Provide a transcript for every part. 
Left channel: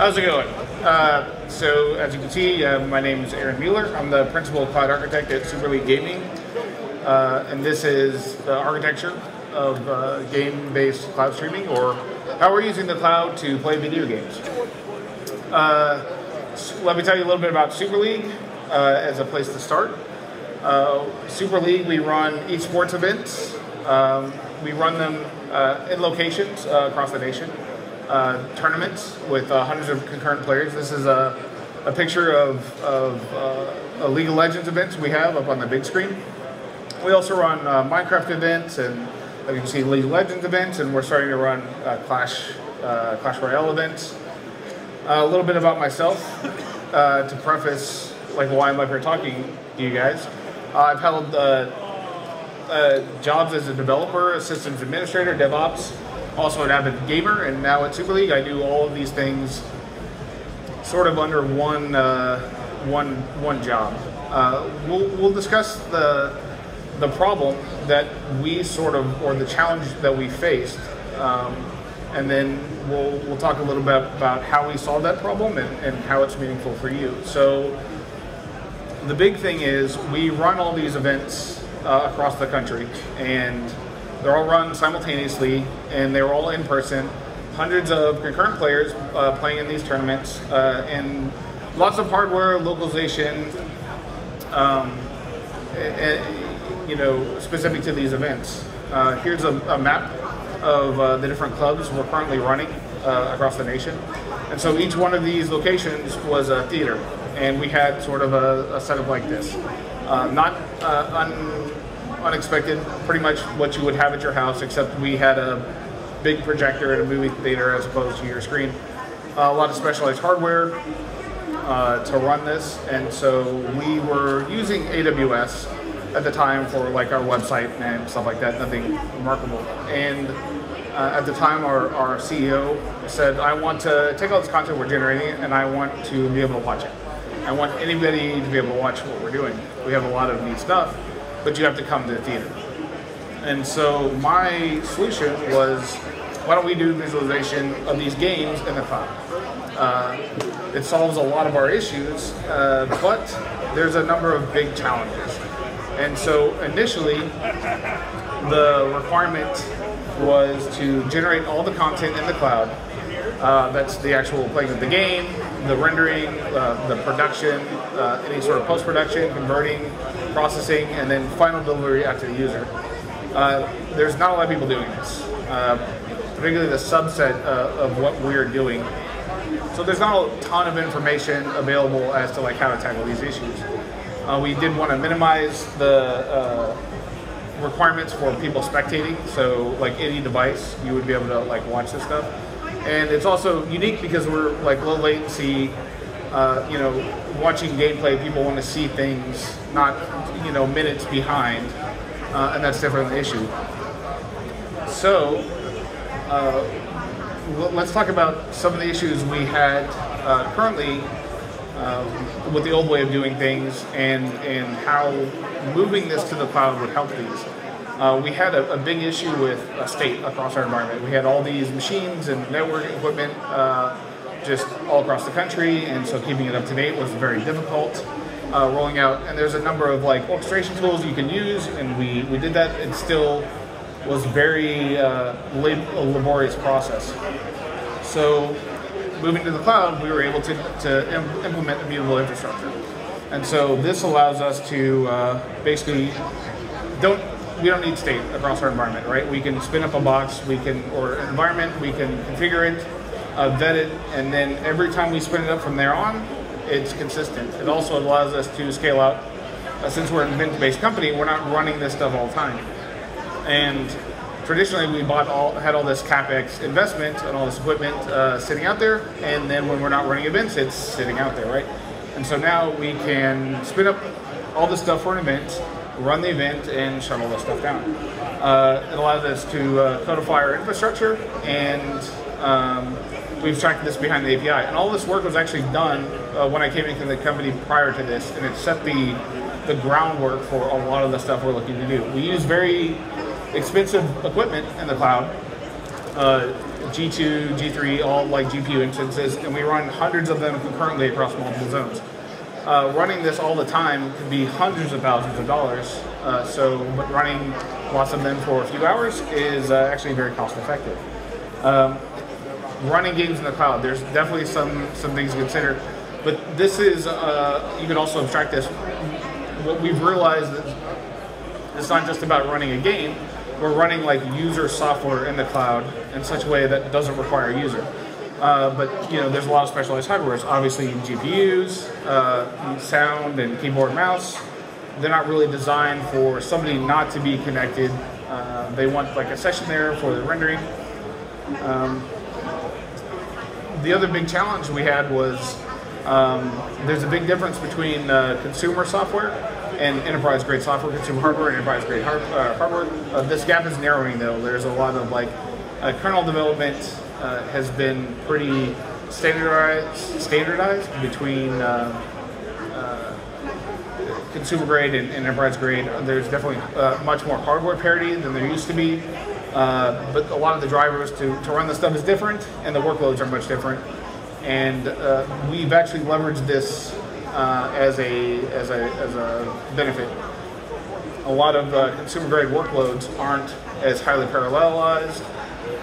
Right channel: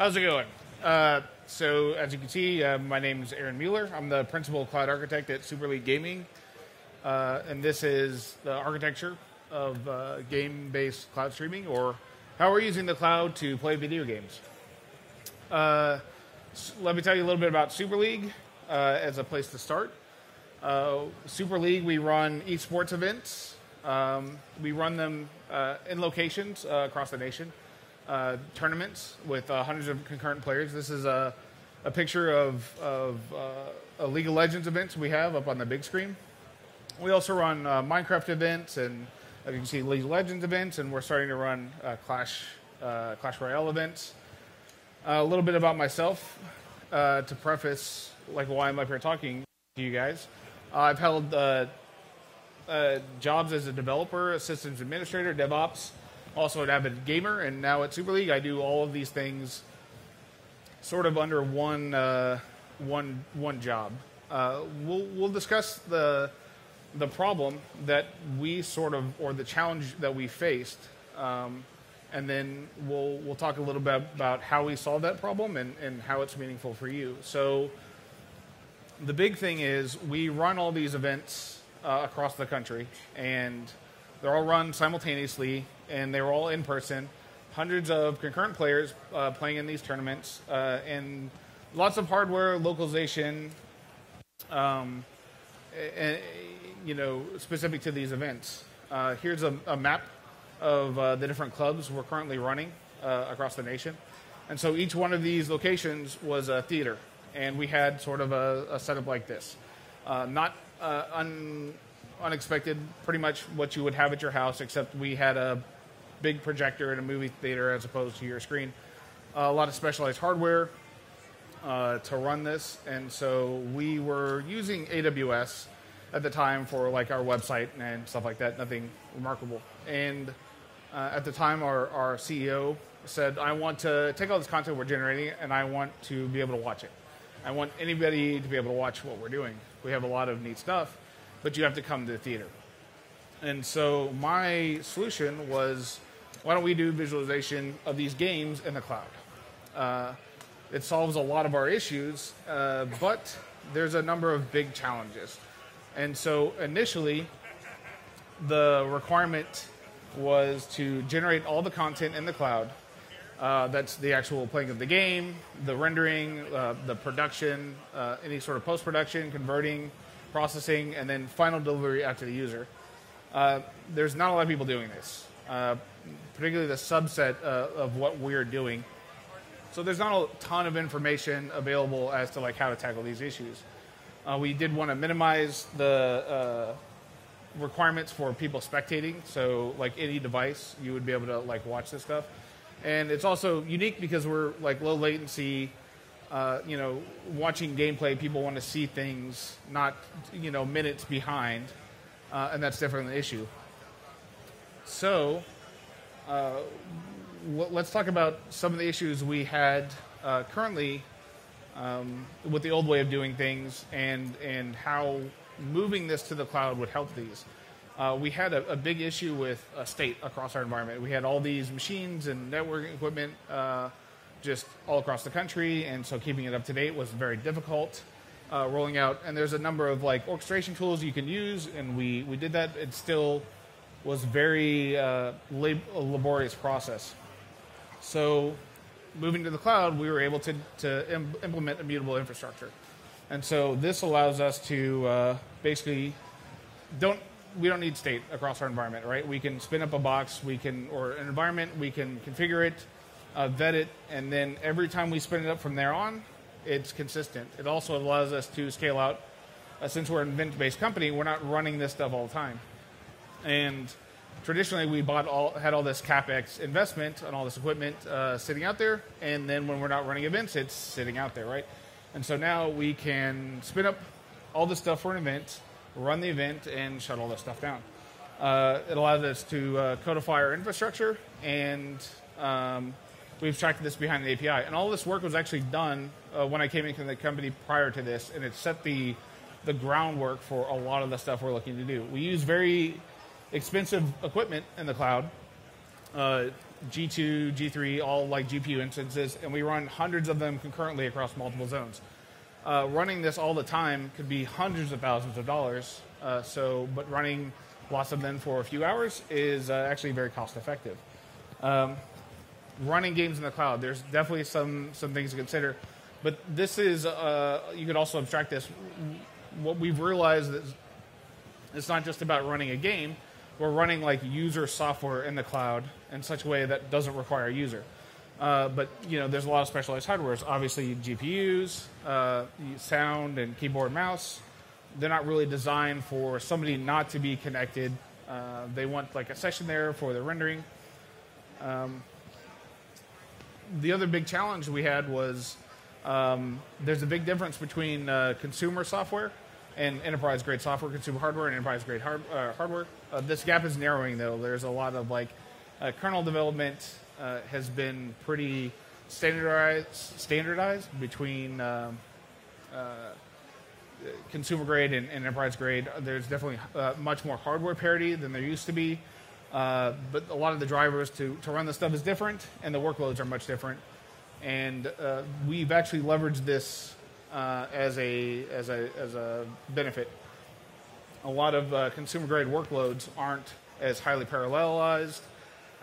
How's it going? So as you can see, my name is Aaron Mueller. I'm the principal cloud architect at Super League Gaming, and this is the architecture of game-based cloud streaming, or how we're using the cloud to play video games. Let me tell you a little bit about Super League as a place to start. Super League, we run esports events. We run them in locations across the nation. Tournaments with hundreds of concurrent players. This is a picture of a League of Legends events we have up on the big screen. We also run Minecraft events, and you can see League of Legends events, and we're starting to run Clash Royale events. A little bit about myself to preface why I'm up here talking to you guys. I've held jobs as a developer, systems administrator, DevOps, also an avid gamer, and now at Super League I do all of these things sort of under one job. We'll discuss the problem that we or the challenge that we faced, and then we'll talk a little bit about how we solved that problem and how it's meaningful for you. So the big thing is we run all these events across the country, and they're all run simultaneously, and they're all in person. Hundreds of concurrent players playing in these tournaments, and lots of hardware localization, specific to these events. Here's a map of the different clubs we're currently running across the nation. And so each one of these locations was a theater, and we had sort of a setup like this. Not unexpected, pretty much what you would have at your house, except we had a big projector at a movie theater as opposed to your screen. A lot of specialized hardware to run this, and so we were using AWS at the time for our website and stuff like that, nothing remarkable. And at the time our CEO said, I want to take all this content we're generating and I want to be able to watch it. I want anybody to be able to watch what we're doing. We have a lot of neat stuff, but you have to come to the theater. And so my solution was, why don't we do visualization of these games in the cloud? It solves a lot of our issues, but there's a number of big challenges. And so initially, the requirement was to generate all the content in the cloud. That's the actual playing of the game, the rendering, the production, any sort of post-production, converting, processing, and then final delivery out to the user. There's not a lot of people doing this, particularly the subset of what we're doing. So there's not a ton of information available as to how to tackle these issues. We did want to minimize the requirements for people spectating, so any device you would be able to watch this stuff. And it's also unique because we're low latency, watching gameplay, people want to see things, not minutes behind, and that's definitely an issue. So let's talk about some of the issues we had currently with the old way of doing things, and how moving this to the cloud would help these. We had a big issue with state across our environment. We had all these machines and networking equipment just all across the country, and so keeping it up to date was very difficult. Rolling out, and there's a number of orchestration tools you can use, and we did that. It still was very laborious process. So moving to the cloud, we were able to implement immutable infrastructure. And so this allows us to basically we don't need state across our environment, right? We can spin up a box, or an environment, we can configure it, vet it, and then every time we spin it up from there on, it's consistent. It also allows us to scale out. Since we're an event-based company, we're not running this stuff all the time. And traditionally, we had all this CapEx investment and all this equipment sitting out there, and then when we're not running events, it's sitting out there, right? And so now we can spin up all this stuff for an event, run the event, and shut all this stuff down. It allows us to codify our infrastructure, and we've tracked this behind the API. And all this work was actually done when I came into the company prior to this, and it set the groundwork for a lot of the stuff we're looking to do. We use very expensive equipment in the cloud, G2, G3, all like GPU instances, and we run hundreds of them concurrently across multiple zones. Running this all the time could be hundreds of thousands of dollars, but running lots of them for a few hours is actually very cost effective. Running games in the cloud, there's definitely some things to consider, but this is, you can also abstract this. What we've realized is it's not just about running a game, we're running like user software in the cloud in such a way that doesn't require a user. But there's a lot of specialized hardware. Obviously GPUs, sound and keyboard, mouse. They're not really designed for somebody not to be connected. They want like a session there for the rendering. The other big challenge we had was there's a big difference between consumer software and enterprise-grade software, consumer hardware, and enterprise-grade hardware. This gap is narrowing though. There's a lot of like kernel development has been pretty standardized between consumer grade and enterprise grade. There's definitely much more hardware parity than there used to be, but a lot of the drivers to run this stuff is different, and the workloads are much different. And we've actually leveraged this as a benefit. A lot of consumer grade workloads aren't as highly parallelized,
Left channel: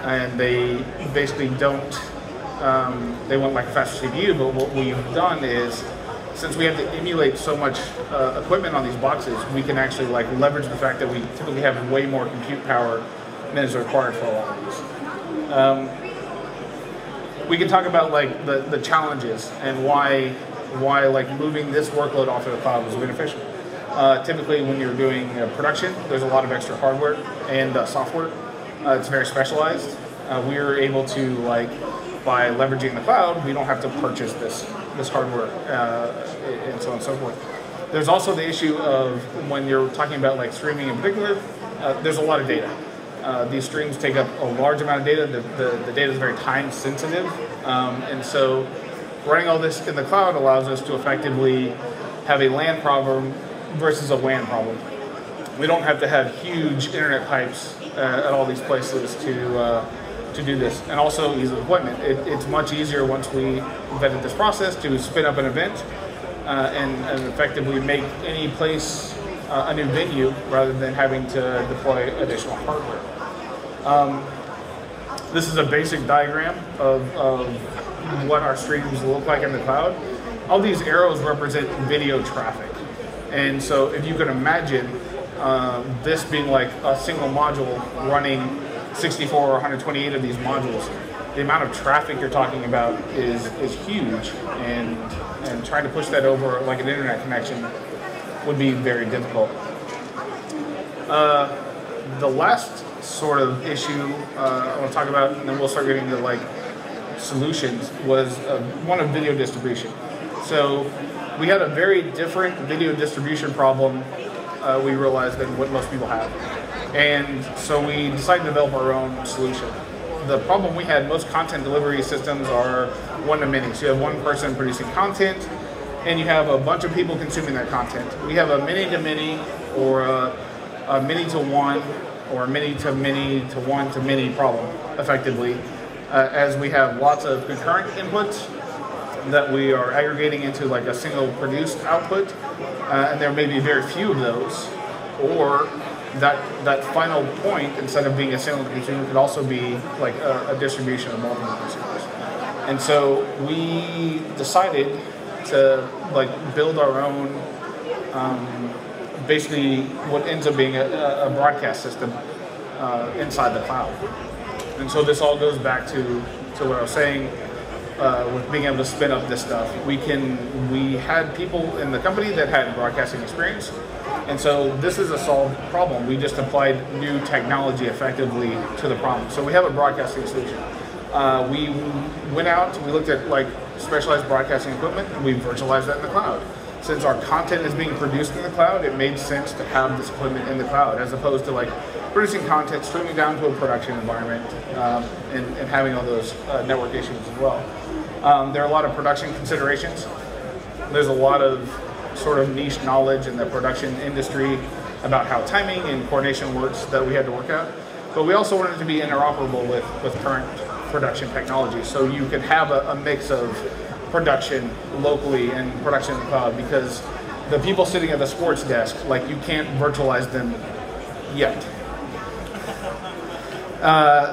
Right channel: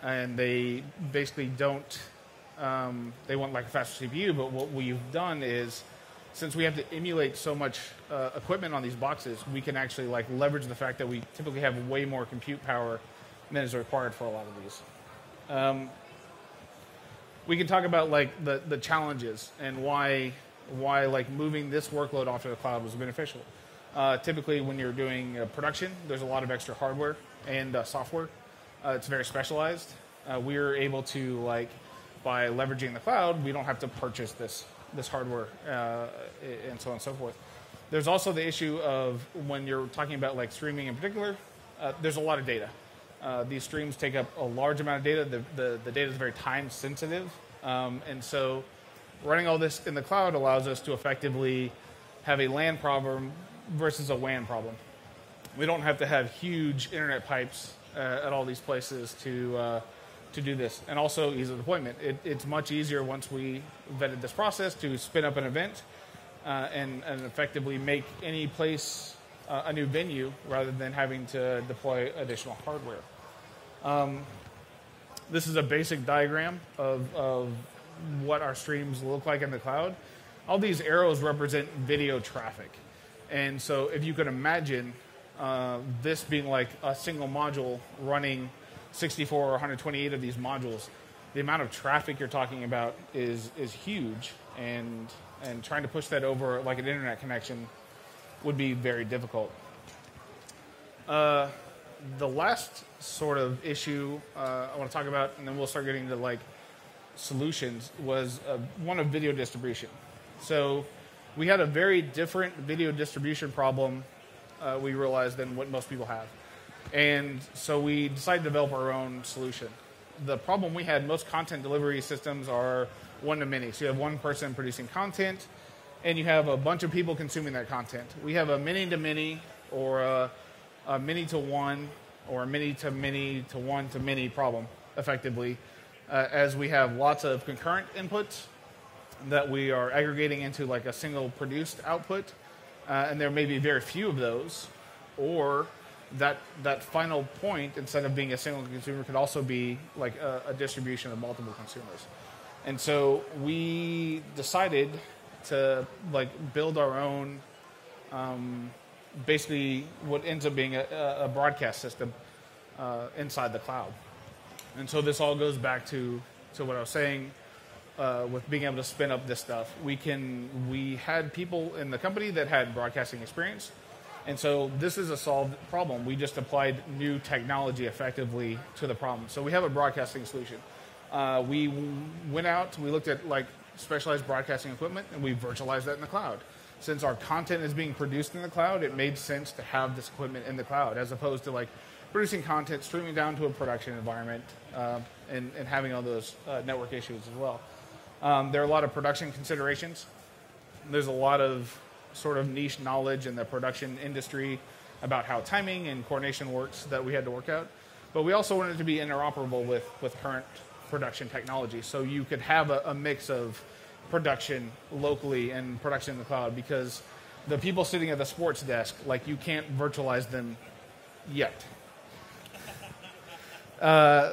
and they basically don't. They want like a faster CPU, but what we've done is, since we have to emulate so much equipment on these boxes, we can actually like leverage the fact that we typically have way more compute power than is required for a lot of these. We can talk about like the challenges and why like moving this workload off of the cloud was beneficial. Typically, when you're doing production, there's a lot of extra hardware and software. It's very specialized. We are able to, like, by leveraging the cloud, we don't have to purchase this hardware and so on and so forth. There's also the issue of when you're talking about like streaming in particular, there's a lot of data. These streams take up a large amount of data. The data is very time sensitive, and so running all this in the cloud allows us to effectively have a LAN problem versus a WAN problem. We don't have to have huge internet pipes at all these places to do this, and also ease of deployment. It's much easier once we vetted this process to spin up an event and effectively make any place a new venue rather than having to deploy additional hardware. This is a basic diagram of what our streams look like in the cloud. All these arrows represent video traffic, and so if you can imagine this being like a single module running 64 or 128 of these modules, the amount of traffic you're talking about is huge, and trying to push that over like an internet connection would be very difficult. The last sort of issue I want to talk about, and then we'll start getting into like solutions, was one of video distribution. So we had a very different video distribution problem we realized than what most people have. And so we decided to develop our own solution. The problem we had, most content delivery systems are one-to-many. So you have one person producing content, and you have a bunch of people consuming that content. We have a many-to-many, or a many-to-one, or a many-to-many to one-to-many problem, effectively, as we have lots of concurrent inputs that we are aggregating into like a single produced output, and there may be very few of those, or that final point, instead of being a single consumer, could also be like a distribution of multiple consumers. And so we decided to like build our own, basically what ends up being a broadcast system inside the cloud. And so this all goes back to what I was saying with being able to spin up this stuff. We had people in the company that had broadcasting experience, and so this is a solved problem. We just applied new technology effectively to the problem. So we have a broadcasting solution. We went out, we looked at like specialized broadcasting equipment, and we virtualized that in the cloud. Since our content is being produced in the cloud, it made sense to have this equipment in the cloud, as opposed to like producing content, streaming down to a production environment, and having all those network issues as well. There are a lot of production considerations. There's a lot of sort of niche knowledge in the production industry about how timing and coordination works that we had to work out. But we also want it to be interoperable with current production technology. So you could have a mix of production locally and production in the cloud, because the people sitting at the sports desk, like, you can't virtualize them yet.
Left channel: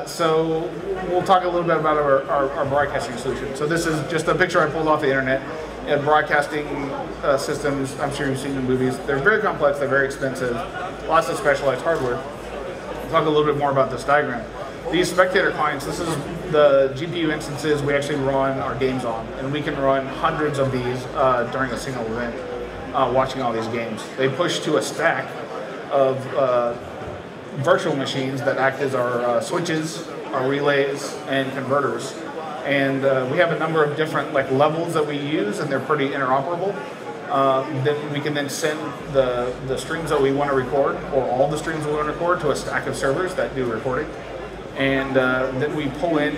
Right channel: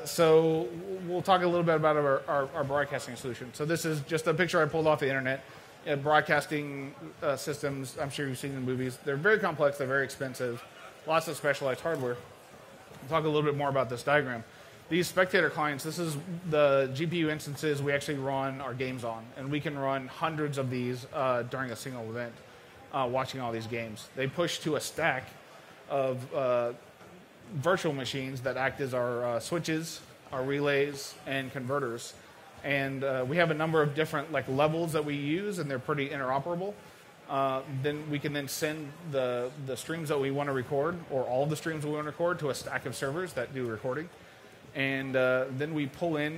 So we'll talk a little bit about our broadcasting solution. So this is just a picture I pulled off the internet. And broadcasting systems, I'm sure you've seen in movies, they're very complex, they're very expensive, lots of specialized hardware. We'll talk a little bit more about this diagram. These spectator clients, this is the GPU instances we actually run our games on, and we can run hundreds of these during a single event, watching all these games. They push to a stack of virtual machines that act as our switches, our relays, and converters. And we have a number of different levels that we use, and they're pretty interoperable. Then we can then send the streams that we want to record, or all the streams we want to record, to a stack of servers that do recording. And then we pull in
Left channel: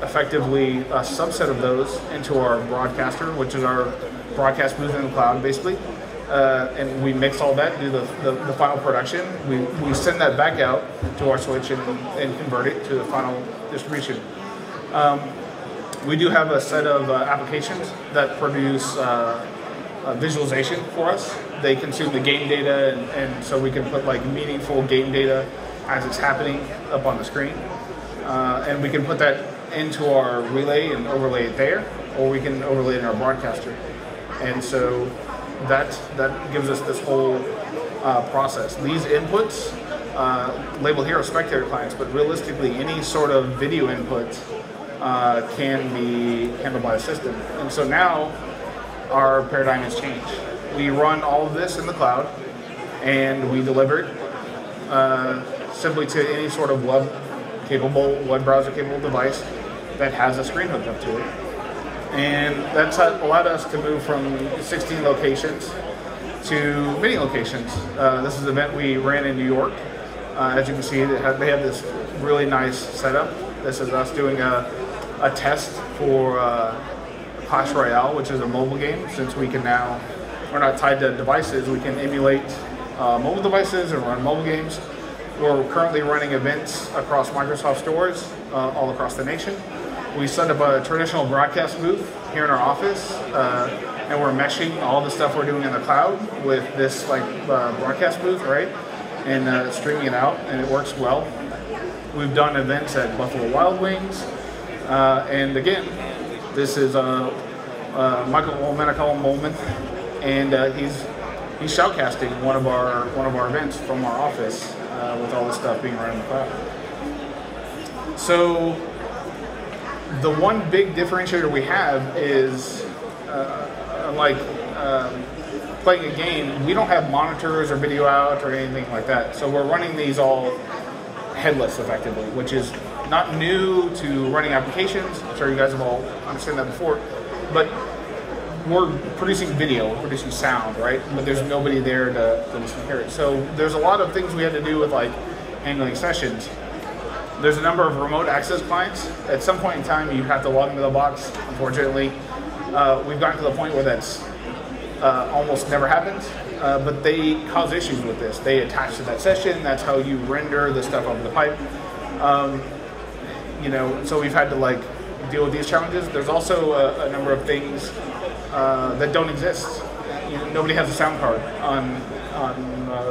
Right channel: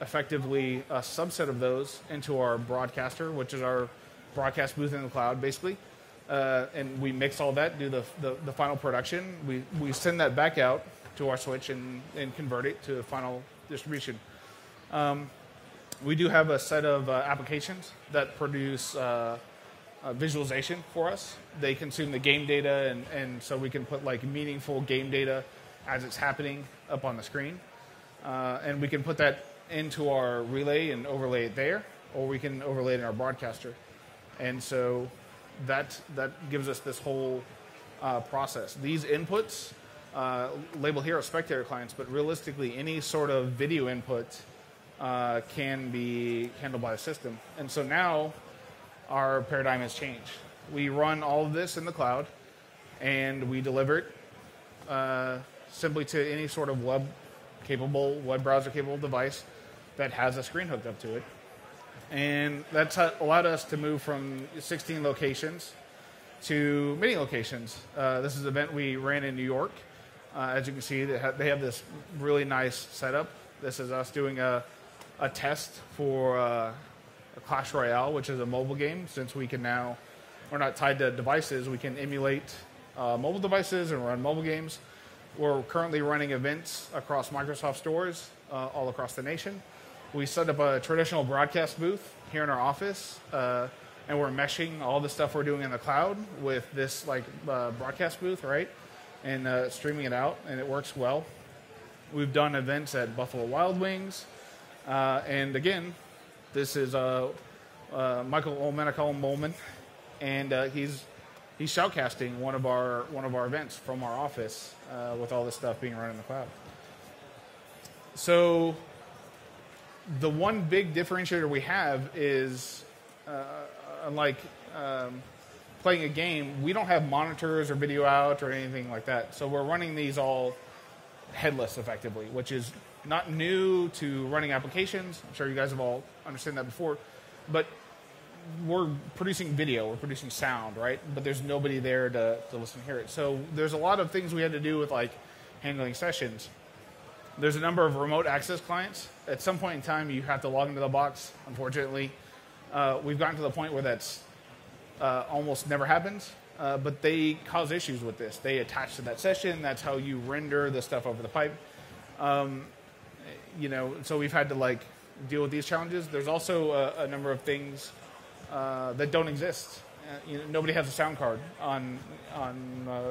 effectively a subset of those into our broadcaster, which is our broadcast booth in the cloud, basically. And we mix all that, do the final production. We send that back out to our switch and convert it to the final distribution. We do have a set of applications that produce visualization for us. They consume the game data, and so we can put meaningful game data as it's happening up on the screen. And we can put that into our relay and overlay it there, or we can overlay it in our broadcaster. And so that gives us this whole process. These inputs, labeled here as spectator clients, but realistically any sort of video input can be handled by the system. And so now our paradigm has changed. We run all of this in the cloud, and we deliver it simply to any sort of web browser capable device that has a screen hooked up to it. And that's allowed us to move from 16 locations to many locations. This is an event we ran in New York. As you can see, they have this really nice setup. This is us doing a test for Clash Royale, which is a mobile game. Since we're not tied to devices, we can emulate mobile devices and run mobile games. We're currently running events across Microsoft stores all across the nation. We set up a traditional broadcast booth here in our office, and we're meshing all the stuff we're doing in the cloud with this broadcast booth, right? And streaming it out, and it works well. We've done events at Buffalo Wild Wings, and again, this is Michael Molman, I call him Molman, and he's shoutcasting one of our events from our office with all this stuff being run in the cloud. So the one big differentiator we have is, unlike playing a game, we don't have monitors or video out or anything like that. So we're running these all headless, effectively, which is not new to running applications. I'm sure you guys have all understood that before. But we're producing video, we're producing sound, right? But there's nobody there to listen to hear it. So there's a lot of things we had to do with handling sessions. There's a number of remote access clients. At some point in time, you have to log into the box. Unfortunately, we've gotten to the point where that's almost never happens, but they cause issues with this. They attach to that session. That's how you render the stuff over the pipe. So we've had to deal with these challenges. There's also a number of things that don't exist. Nobody has a sound card on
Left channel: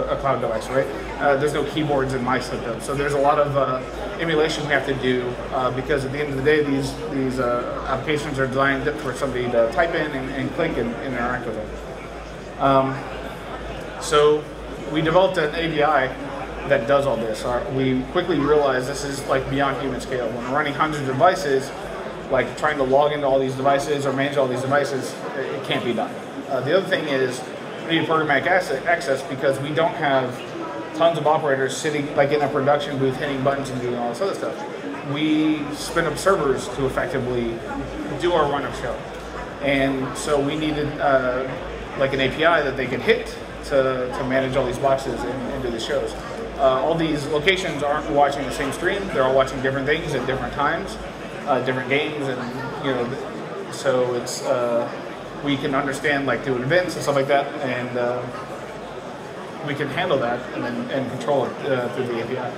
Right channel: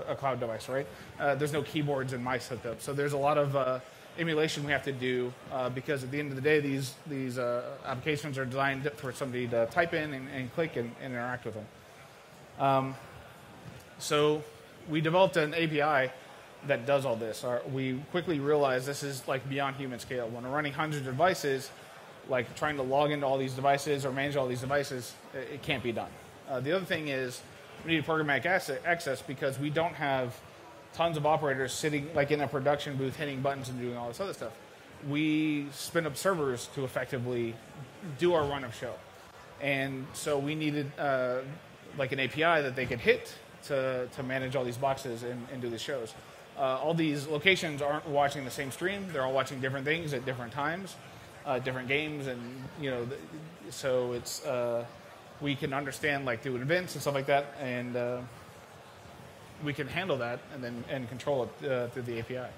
a cloud device, right? There's no keyboards and mice hooked up. So there's a lot of emulation we have to do because at the end of the day, these applications are designed for somebody to type in and click and interact with them. So we developed an API that does all this. We quickly realized this is beyond human scale. When we're running hundreds of devices, trying to log into all these devices or manage all these devices, it can't be done. The other thing is we need programmatic access because we don't have tons of operators sitting in a production booth hitting buttons and doing all this other stuff. We spin up servers to effectively do our run of show. And so we needed an API that they could hit to manage all these boxes and do the shows. All these locations aren't watching the same stream. They're all watching different things at different times, different games, and so it's we can understand doing events and stuff like that, and we can handle that and control it through the API.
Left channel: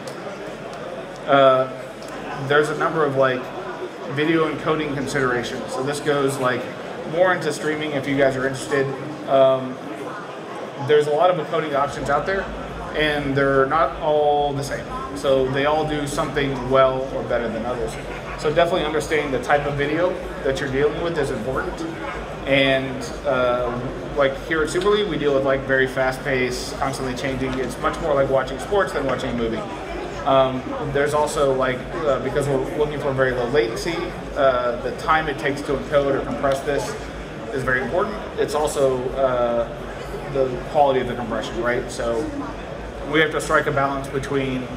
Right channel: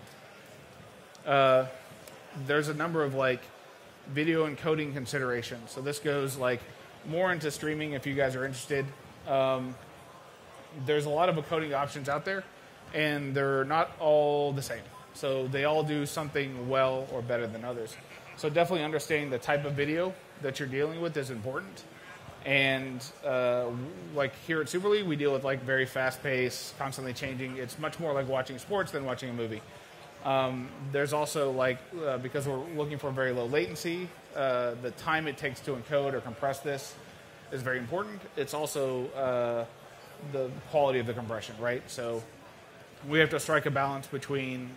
there's a number of like video encoding considerations. So this goes like more into streaming if you guys are interested. There's a lot of encoding options out there, and they're not all the same. So they all do something well or better than others. So definitely understanding the type of video that you're dealing with is important. And like here at Super League, we deal with like very fast-paced, constantly changing. It's much more like watching sports than watching a movie. There's also like, because we're looking for very low latency, the time it takes to encode or compress this is very important. It's also the quality of the compression, right? So we have to strike a balance between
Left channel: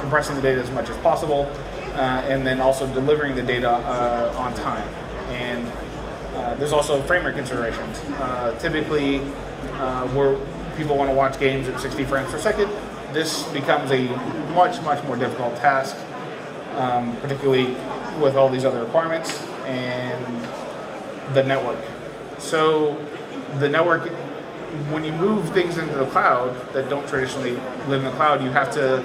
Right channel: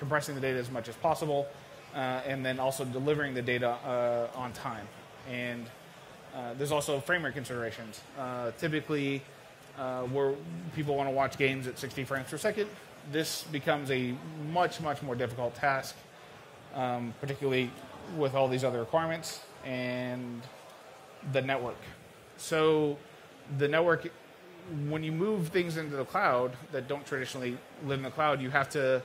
compressing the data as much as possible and then also delivering the data on time. And there's also frame rate considerations. Typically, where people want to watch games at 60 frames per second, this becomes a much more difficult task, particularly with all these other requirements and the network. So the network, when you move things into the cloud that don't traditionally live in the cloud, you have to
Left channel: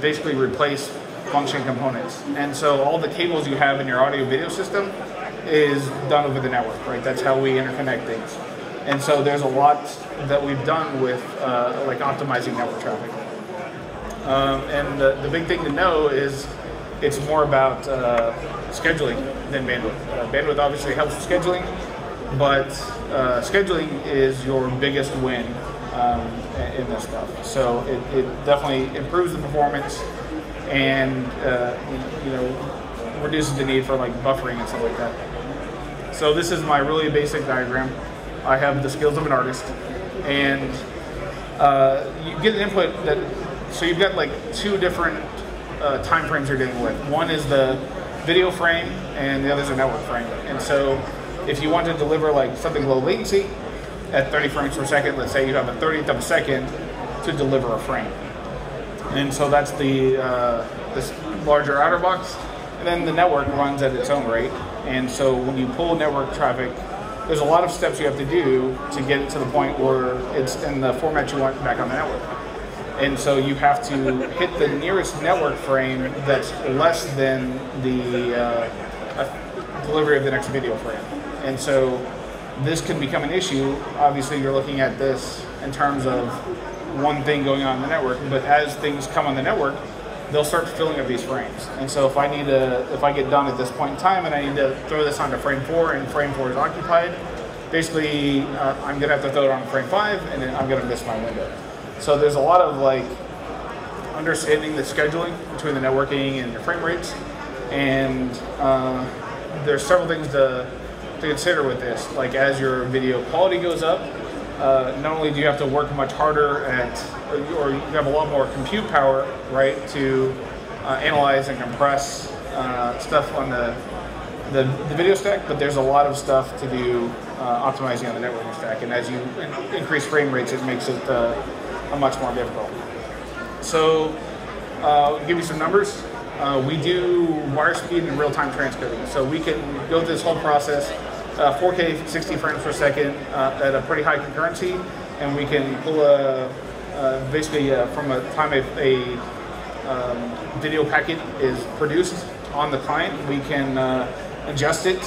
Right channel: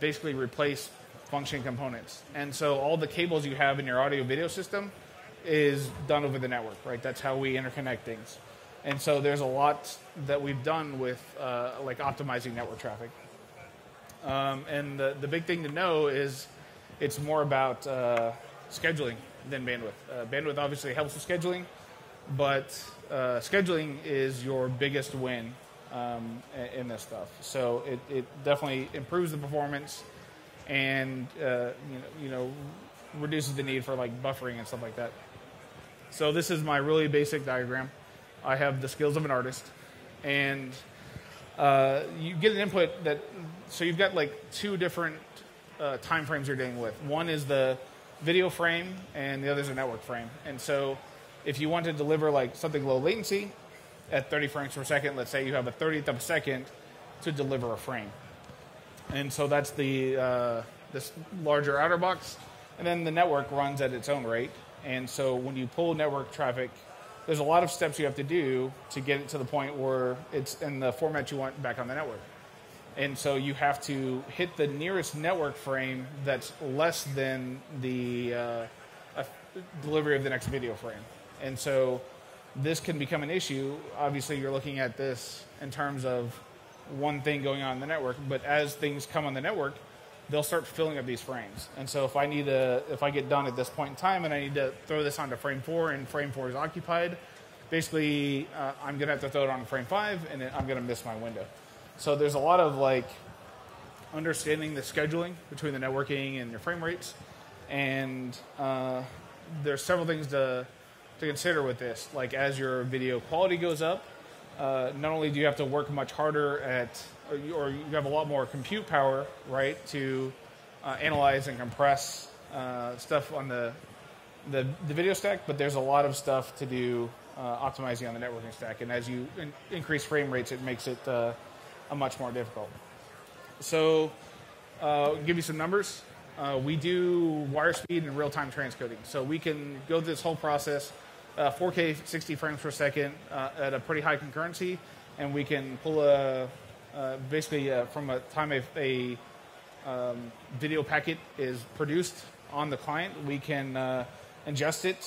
basically replace function components. And so all the cables you have in your audio video system is done over the network, right? That's how we interconnect things. And so there's a lot that we've done with like optimizing network traffic. And the big thing to know is it's more about scheduling than bandwidth. Bandwidth obviously helps with scheduling, but scheduling is your biggest win in this stuff. So it definitely improves the performance and you know, reduces the need for like buffering and stuff like that. So this is my really basic diagram. I have the skills of an artist, and you get an input that, so you've got like two different time frames you're dealing with. One is the video frame and the other is a network frame. And so if you want to deliver like something low latency at 30 frames per second, let's say you have a 30th of a second to deliver a frame. And so that's the this larger outer box. And then the network runs at its own rate. And so when you pull network traffic, there's a lot of steps you have to do to get it to the point where it's in the format you want back on the network. And so you have to hit the nearest network frame that's less than the delivery of the next video frame. And so this can become an issue. Obviously, you're looking at this in terms of one thing going on in the network, but as things come on the network, they'll start filling up these frames. And so if I get done at this point in time and I need to throw this onto frame 4 and frame 4 is occupied, basically I'm gonna have to throw it on frame 5 and then I'm gonna miss my window. So there's a lot of like understanding the scheduling between the networking and your frame rates, and there's several things to consider with this. Like as your video quality goes up, not only do you have to work much harder at, or you have a lot more compute power, right, to analyze and compress stuff on the video stack, but there's a lot of stuff to do optimizing on the networking stack. And as you increase frame rates, it makes it much more difficult. So I'll give you some numbers. We do wire speed and real-time transcoding. So we can go through this whole process, 4K 60 frames per second at a pretty high concurrency, and we can pull basically from a time a video packet is produced on the client, we can adjust it,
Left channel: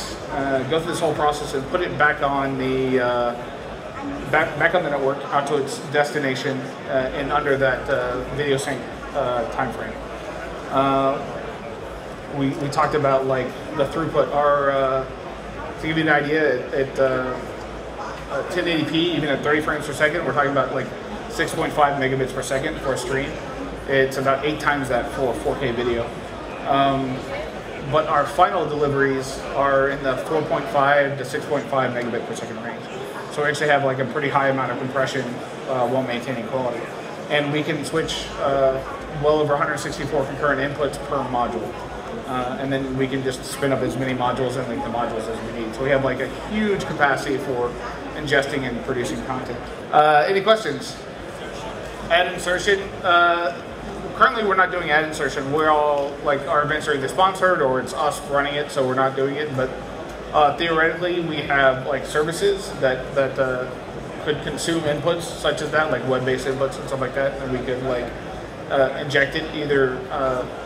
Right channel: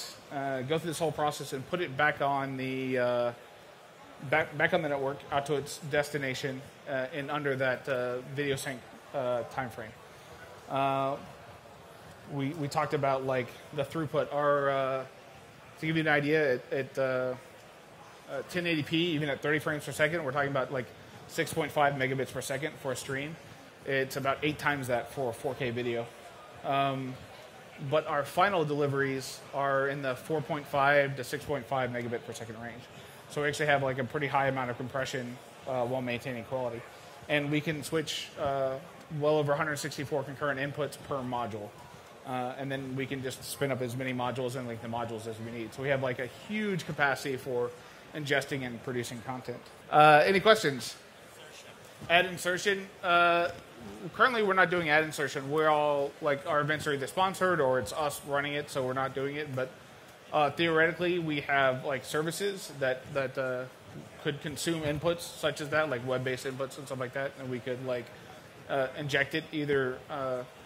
go through this whole process and put it back on the back on the network out to its destination in under that video sync time frame. We talked about like the throughput. Our to give you an idea, at 1080p, even at 30 frames per second, we're talking about like 6.5 megabits per second for a stream. It's about 8 times that for 4K video. But our final deliveries are in the 4.5 to 6.5 megabit per second range. So we actually have like a pretty high amount of compression while maintaining quality. And we can switch well over 164 concurrent inputs per module. And then we can just spin up as many modules and link the modules as we need. So we have like a huge capacity for ingesting and producing content. Any questions? Ad insertion. Currently we're not doing ad insertion. We're all like our events are either sponsored or it's us running it, so we're not doing it. But theoretically, we have like services that could consume inputs such as that, like web-based inputs and stuff like that, and we could like injected either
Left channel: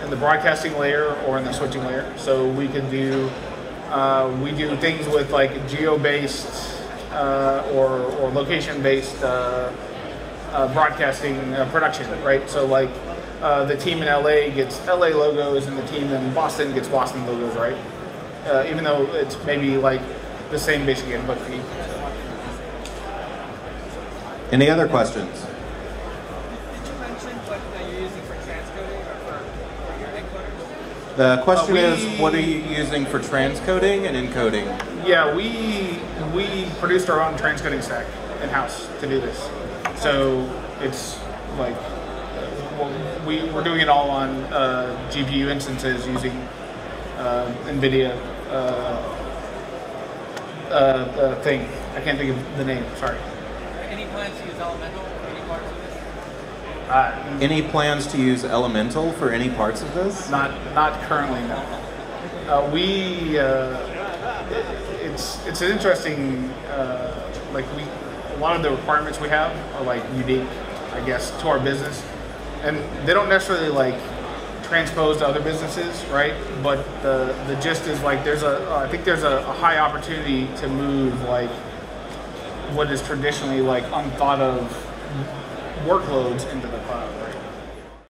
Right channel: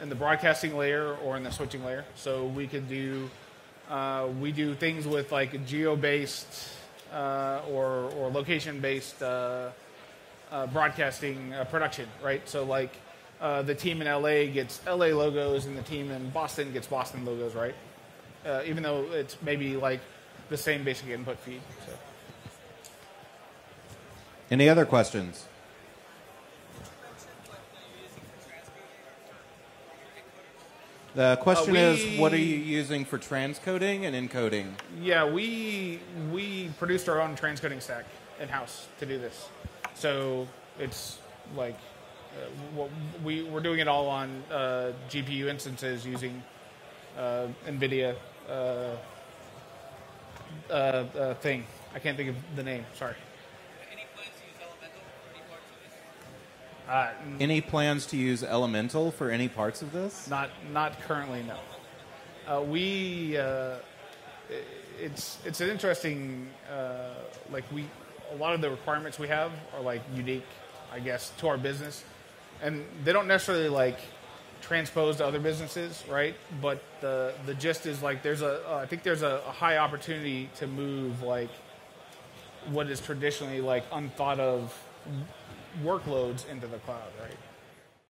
in the broadcasting layer or in the switching layer. So we could do we do things with like geo-based or location-based broadcasting production, right? So like the team in LA gets LA logos and the team in Boston gets Boston logos, right? Even though it's maybe like the same basic input feed. Any other questions? Did you mention what you're using for transcoding or for your encoders? The question is, what are you using for transcoding and encoding? Yeah, we produced our own transcoding stack in-house to do this. So it's like we're doing it all on GPU instances using NVIDIA thing. I can't think of the name, sorry. Any plans to use Elemental for any parts of this? Any plans to use Elemental for any parts of this? Not currently, no. It's an interesting a lot of the requirements we have are like unique, I guess, to our business, and they don't necessarily like transpose to other businesses, right? But the gist is like I think there's a high opportunity to move like what is traditionally like unthought of workloads into the cloud.